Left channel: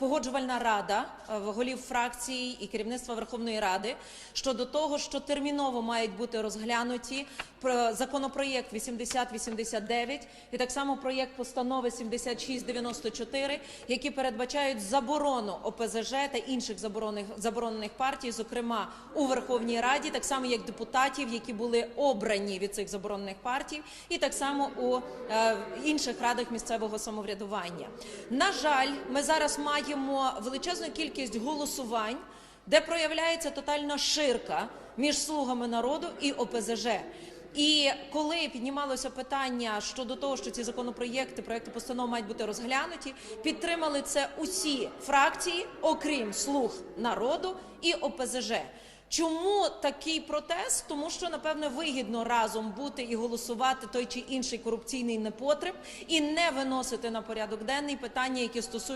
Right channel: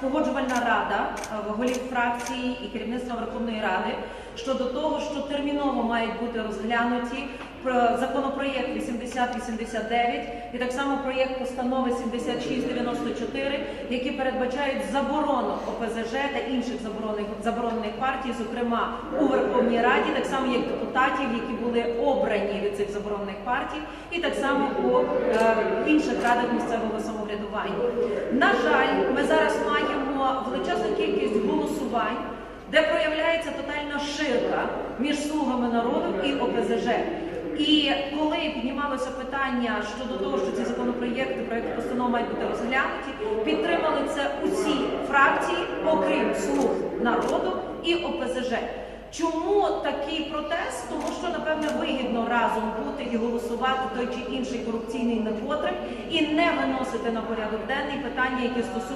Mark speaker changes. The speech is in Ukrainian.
Speaker 1: погоджувальна рада е, голів фракцій і керівництва Верховної Ради щодо того, що терміново мають бути розглянуті про- законопроєкт 8089 і так само проєкт постанови 7694, які передбачають заборону ОПЗЖ та інших заборонених заборонених партій, зокрема у Верховній Раді, так само як депутатів, які були обрані від цих заборонених партій, і так само у е, інших радах місцевого самоврядування. На жаль, ми зараз маємо величезну кількість голосувань, де проявляється тотальна ширка між слугами народу і ОПЗЖ. І коли піднімалося питання щодо того, що ці законопроєкти, проекти постанов мають бути розглянуті, підтримали це усі фракції, окрім слуг народу і ОПЗЖ. Чому такий протест? Тому що напевне вигідно разом бути і голосувати той чи інший корупційний непотреб і не виносити на порядок денний питання, які стосуються.